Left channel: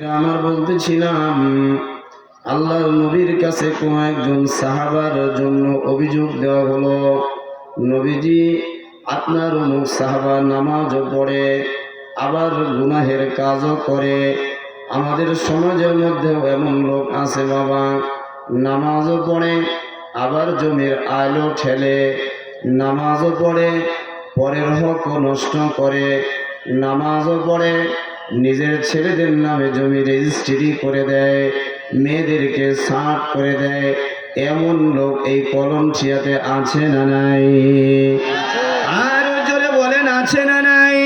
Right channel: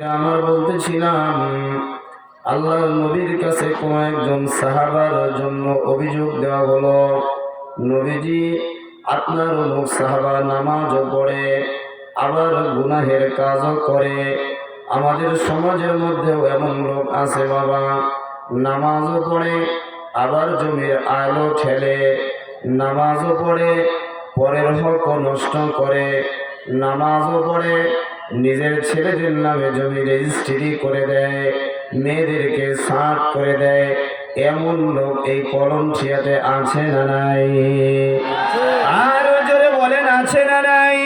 আমার বলতেছিলাম আল্লাহর নবীর কাছে কোন একজন সাহাবার জন্য অভিযোগ দেওয়া হলো, নবীজি আপনার অমুক সাহাবা নামাজও পড়ে আবার গুনাহের কাজও করে। আমাদের সমাজের মধ্যেও এমন লোক আছে বাবা, নামাজও পড়ে আবার জমির আলো ঠেলে, নামাজও পড়ে পরের হক নষ্ট করে, নামাজও পড়ে নিজের ছেলেদের নামে জমি রেজিস্ট্রি করে দেয়, মেয়েদেরকে সাট করে দেয়। এমন লোক এই কলমঠিয়াতে আছে না নাই? আরো জোরে বলেন আছে না নাই?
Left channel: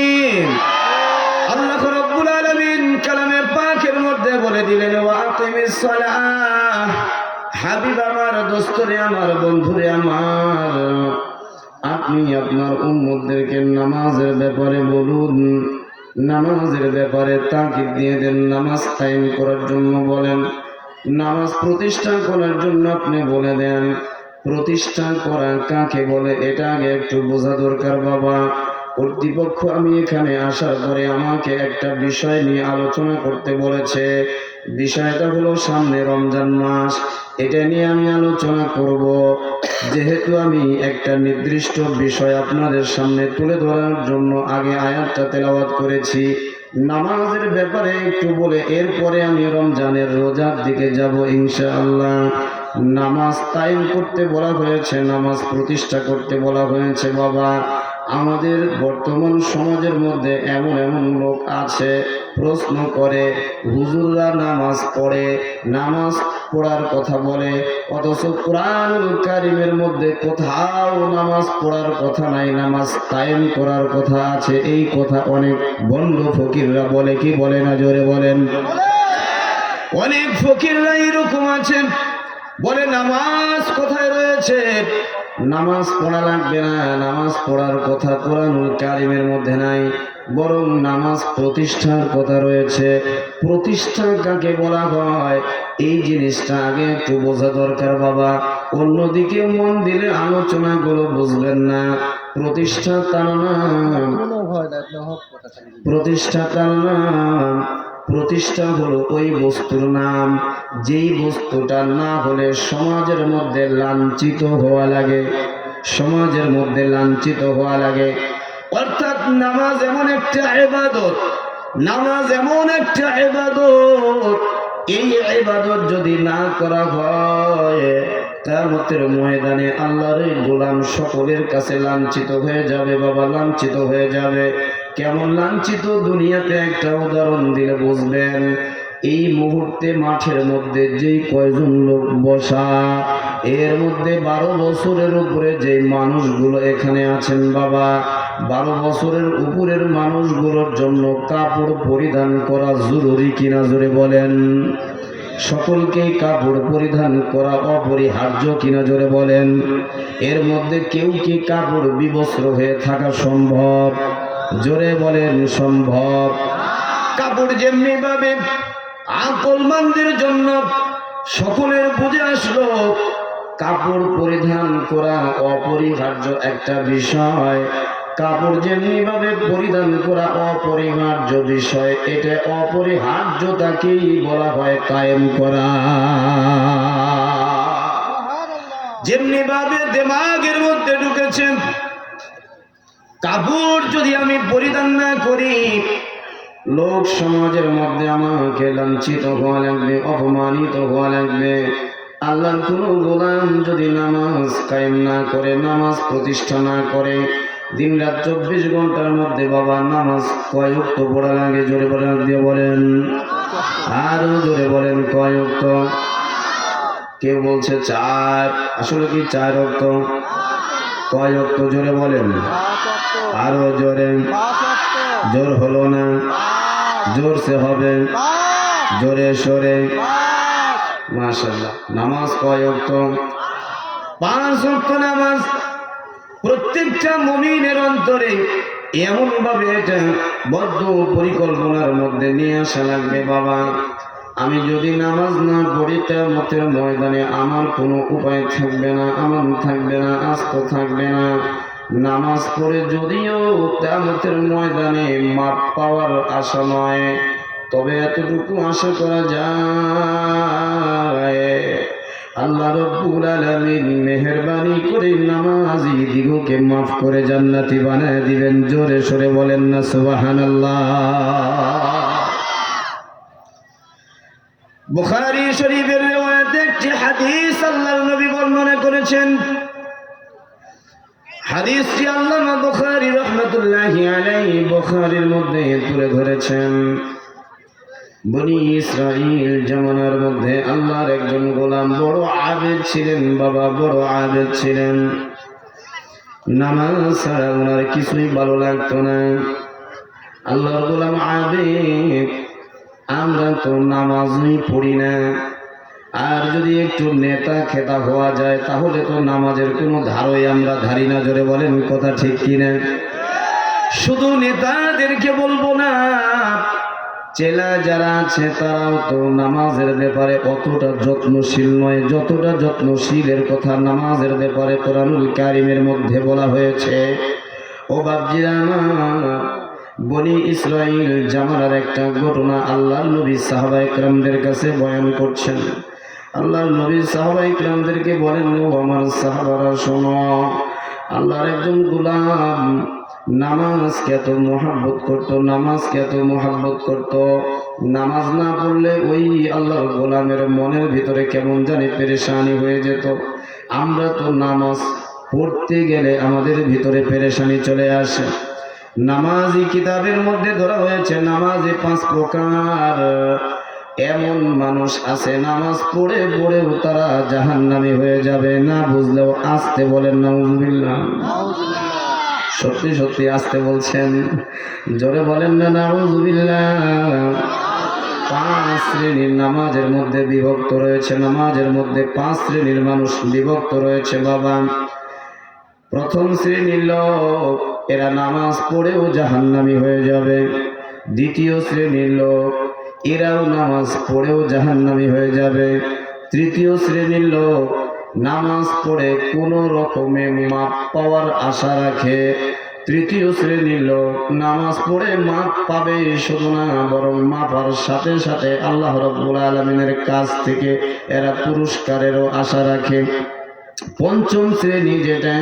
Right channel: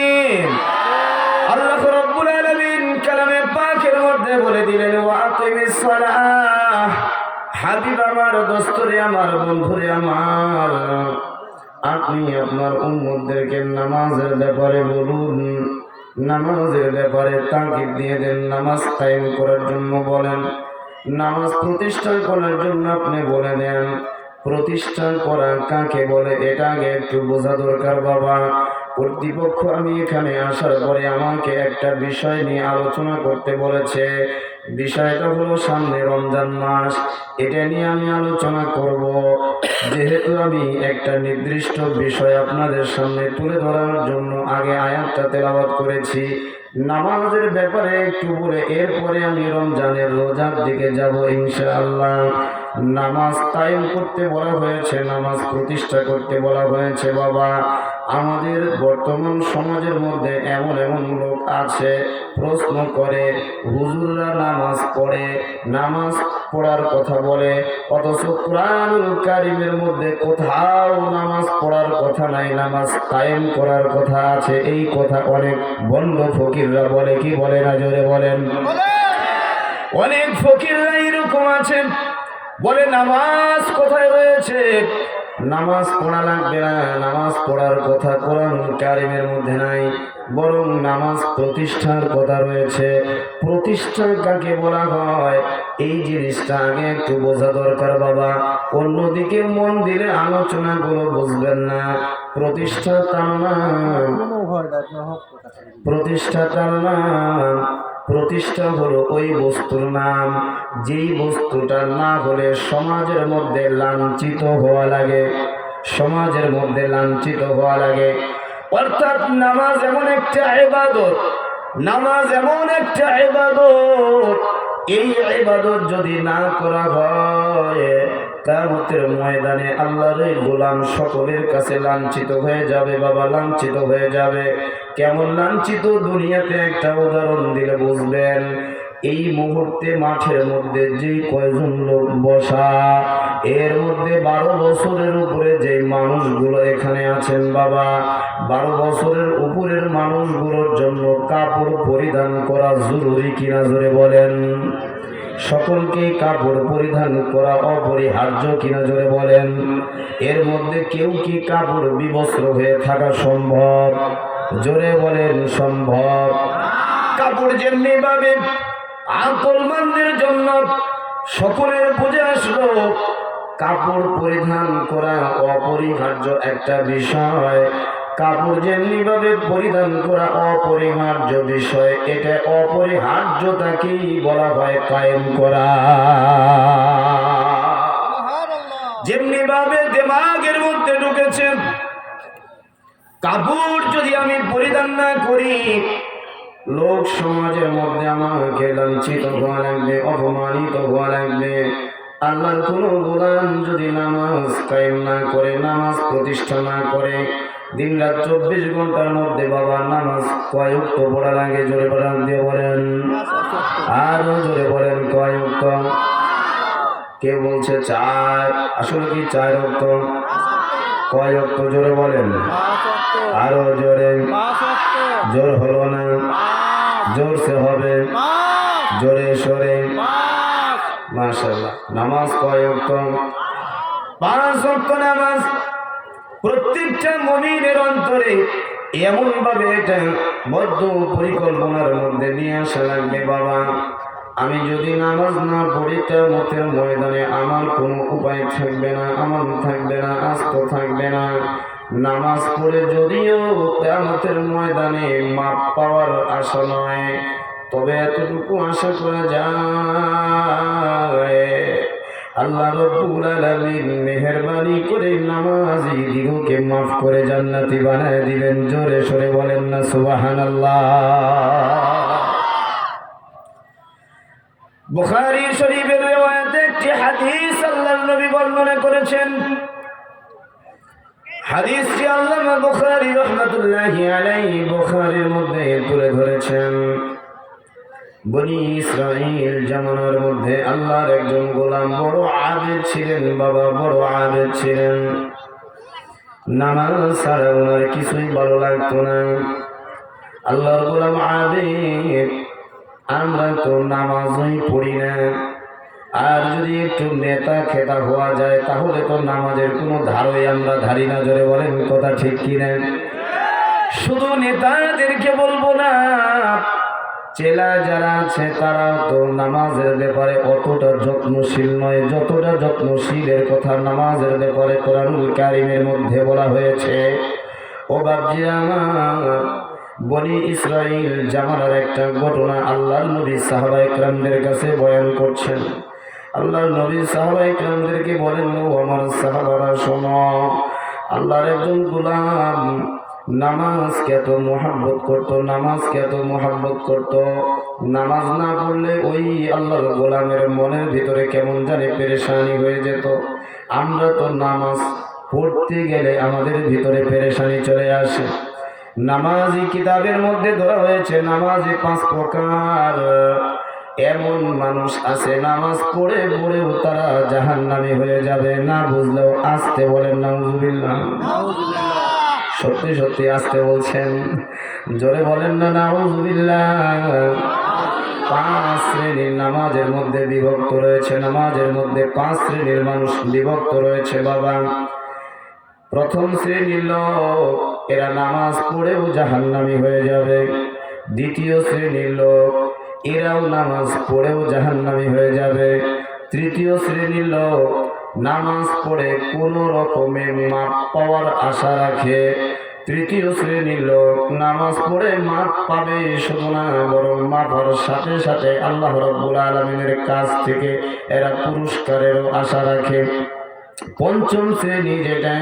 আল্লাহ রাব্বুল আলামিন কালামে পাকের মধ্যে বলে দিলেন ওয়াকিমিস সালাহ। হাবিব আমার, দোস্তরে আমার, বন্ধুরে আমার, আপনি আপনার উম্মতদেরকে নামাজের ব্যাপারে বলুন, নামাজের ব্যাপারে তাকিদ দিয়ে দেন, নামাজ কায়েম করার জন্য বলেন, নামাজ প্রতিষ্ঠা করার জন্য আপনি বলে দেন। প্রতিষ্ঠা করা কাকে বলে এটা আগে একটু বোঝা দরকার বাবা। কর্তৃপক্ষ আমি এখানে আসার পরে আমাকে একটা বিষয় নিয়ে আলোচনা করতে বলেছে। বিষয়টা হলো সামনে রমজান মাস, এটা নিয়ে আমি আলোচনা করব। যেহেতু আমি একটা নির্দিষ্ট বিষয় আপনাদের সামনে তুলে ধরার জন্য আগে আয়াতটা তেলাওয়াত করেছি, নামাজের ব্যাপারে একটু বলে এরপরে আমি রমজানের রোজার দিকে যাব ইনশাআল্লাহ। নামাজ কায়েম করতে বলা হয়েছে, নামাজ প্রতিষ্ঠা করতে বলা হয়েছে বাবা। আমাদের বর্তমান সমাজের মধ্যে এমন এমন লোক আছে প্রশ্ন করে, হুজুররা নামাজ পড়ে, নামাজ পড়ার কথা বলে, অথচ কোরআনুল কারীমের মধ্যে কোথাও নামাজ পড়ার কথা নাই, নামাজ কায়েম করার কথা আছে। এই কথা অনেক ভণ্ড ফকিররা বলে, কি বলে না? জোরে বলেন। অনেক ফকিররা এরকম আছেন, বলে নামাজ কোথায় রয়েছে, নামাজ পড়া লাগবে না, নামাজ পড়ার কথা কোরআনুল কারীমের মধ্যে নাই, বরং নামাজ প্রতিষ্ঠার কথা রয়েছে। প্রতিষ্ঠা কাকে বলা হয় এই জিনিসটা আগে একটু বোঝা দরকার বাবা। অন্যদিকে মন দিলে আলোচনাগুলো বুঝবেন না। প্রতিষ্ঠা তার নাম, প্রতিষ্ঠা তার নাম, প্রতিষ্ঠা হলো ওই বস্তুর নাম যেই বস্তুটা না হলে সমাজের মধ্যে লাঞ্ছিত হওয়া লাগে, সমাজের মধ্যে লাঞ্ছিত হওয়া লাগে। অর্থাৎ নামাজ এমন একটা ইবাদত, নামাজ এমন একটা ইবাদত, এই ইবাদত যদি না করা হয় কিয়ামতের ময়দানে আল্লাহর গোলাম সকলের কাছে লাঞ্ছিত হয়ে যাবে বাবা, লাঞ্ছিত হয়ে যাবে। কেমন লাঞ্ছিত? দুনিয়াতে একটা উদাহরণ দিলে বুঝবেন। এই মুহূর্তে মাঠের মধ্যে যেই কয়জন লোক বসা, এর মধ্যে 12 বছরের উপরে যে মানুষগুলো এখানে আছেন বাবা, 12 বছরের উপরের মানুষগুলোর জন্য কাপড় পরিধান করা জরুরি কিনা? জোরে বলেন। সকলকেই কাপড় পরিধান করা অপরিহার্য কিনা? জোরে বলেন। এর মধ্যে কেউ কি কাপড় বিবস্ত্র হয়ে থাকা সম্ভব? জোরে বলেন সম্ভব। কাপড় যেমনি ভাবে আকলমানদের জন্য সকলের বুঝে আসলো কাপড় পরিধান করা অপরিহার্য একটা বিষয়, কাপড় যেমনি ভাবে পরিধান করা অপরিহার্য বিষয়, এটা অপরিহার্যতাকেই বলা হয় কায়েম করা। যেমনি ভাবে দিমাগের মধ্যে ঢুকেছে কাপড় যদি আমি পরিধান না করি লোক সমাজের মধ্যে আমাকে লাঞ্ছিত হওয়া লাগবে, অপমানিত হওয়া লাগবে। আল্লাহর কোনো গোলাম যদি নামাজ কায়েম না করে, নামাজ প্রতিষ্ঠা না করে, দিন রাত 24 ঘন্টার মধ্যে বাবা নামাজ কয় ওয়াক্ত পড়া লাগে? জোরে বলেন দিয়ে বলেন, আরো জোরে বলেন কয় ওয়াক্ত? কেউ বলছে 4, আসলে কি 4 ওয়াক্ত? কয় ওয়াক্ত? জোরে বলেন, আরো জোরে। জোর হলো না, জোরসে হবে, জোরে সরে। মাশাআল্লাহ। নামাজ কয় ওয়াক্ত? 5 ওয়াক্ত নামাজ প্রত্যেকটা মুমিনের অন্তরে এমন ভাবে এটা বদ্ধ পরিকল্পনার মধ্যে নিয়ে আসা লাগবে বাবা। আমি যদি নামাজ না পড়ি কিয়ামতের ময়দানে আমার কোনো উপায় থাকবে না, আমান থাকবে না, আস্ত থাকবে না। নামাজ পড়ে যদিও কিয়ামতের ময়দানে মাপ পাওয়ার আশা নয়, তবে এতটুকু আশা করা যায়, আল্লাহ রাব্বুল আলামিন মেহেরবানি করে নামাজি দিগকে মাফ করে জান্নাতি বানায় দিবেন। জোরে সরে বলেন না সুবহানাল্লাহ। বুখারী শরীফের riwayat একটি হাদিস আল্লাহর নবী বর্ণনা করেছেন। হাদিসটি আল্লামা বুখারী রাহমাতুল্লাহি আলাইহি বুখারীর মধ্যে তুলে ধরেছেন। বনি ইসরাইল জামানার মধ্যে আল্লাহর একজন গোলাম বড় আবেদ ছিলেন, বাবা বড় আবেদ ছিলেন। নামাজ ছাড়া ওনার কিছুই ভালো লাগতো না। আল্লাহর গোলাম আবেদ, আমরা তো নামাজই পড়ি না, আর যদি একটু নেতা খেতা হওয়া যায় তাহলে তো নামাজের কোনো ধারই আমরা ধারি না। জোরে বলেন কথা ঠিক কিনা? শুধু নেতাদেরকে বলবো না, চেলা যারা আছে তারাও তো নামাজের ব্যাপারে অতটা যত্নশীল নয় যতটা যত্নশীলের কথা নামাজের ব্যাপারে কোরআনুল কারীমের মধ্যে বলা হয়েছে। ও বাপজিরা আমার, বনি ইসরাইল জামানার একটা ঘটনা আল্লাহর নবী সাহাবায়ে কেরামদের কাছে বয়ান করছেন। আল্লাহর নবী সাহাবায়ে কেরামদেরকে বলেন, ও আমার সাহাবারা শোনো, আল্লাহর একজন গোলাম নামাজকে এত মোহাব্বত করতো, নামাজকে এত মোহাব্বত করতো, নামাজ না পড়লে ওই আল্লাহর গোলামের মনের ভিতরে কেমন জানি পেরেশানি হয়ে যেত। আমরা তো নামাজ পড়তে গেলে আমাদের ভিতরে পেরেশানি চলে আসে। নামাজি কিতাবের মধ্যে ধরা হয়েছে নামাজি 5 প্রকার। এমন মানুষ আছে নামাজ পড়ে পড়েও তারা জাহান্নামী হয়ে যাবে। না বুঝলেও আসতে বলেন নাউজুবিল্লাহ। সত্যি সত্যি আসতে বলছেন, জোরে বলেন না নাউজুবিল্লাহ। 5 শ্রেণীর নামাজের মধ্যে বিভক্ত রয়েছে, নামাজের মধ্যে 5 শ্রেণীর মানুষ বিভক্ত রয়েছে বাবা। প্রথম শ্রেণীর লোক, এরা নামাজ পড়েও জাহান্নামী হয়ে যাবে। দ্বিতীয় শ্রেণীর লোক, এরাও নামাজ পড়েও জাহান্নামী হয়ে যাবে। তৃতীয় শ্রেণীর লোক, নামাজ পড়ে কোনো রকমে মাপ পাওয়ার আশা রাখে। তৃতীয় শ্রেণীর লোক, নামাজ পড়ে মাপ পাবে শুধু না, বরং মাপার সাথে সাথে আল্লাহ রাব্বুল আলামিনের কাছ থেকে এরা পুরস্কারেরও আশা রাখে। পঞ্চম শ্রেণী যেটা,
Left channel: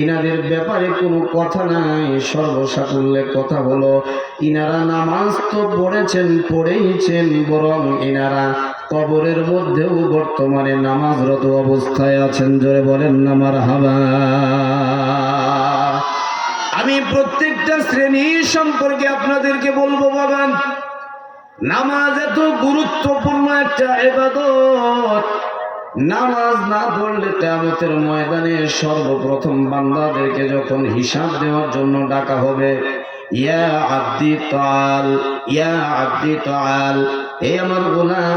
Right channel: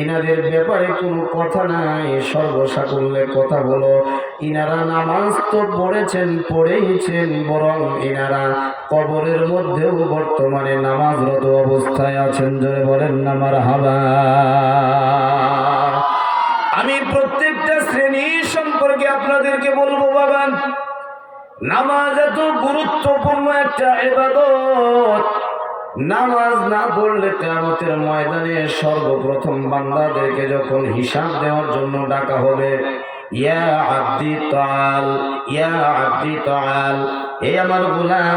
ইনাদের ব্যাপারে কোনো কথা নাই, সর্বসাকুল্যে কথা হলো ইনারা নামাজ তো পড়েছেন পড়েইছেন, বরং ইনারা কবরের মধ্যেও বর্তমানে নামাজরত অবস্থায় আছেন। জোরে বলেন না মারহাবা। আমি প্রত্যেকটা শ্রেণী সম্পর্কে আপনাদেরকে বলবো বাবা, নামাজ এত গুরুত্বপূর্ণ একটা ইবাদত। নামাজ না পড়লে কিয়ামতের ময়দানে সর্বপ্রথম বান্দাদেরকে যখন হিসাব দেওয়ার জন্য ডাকা হবে, ইয়া আব্দি তাআল, ইয়া আব্দি তাআল, এই আমার গোলাম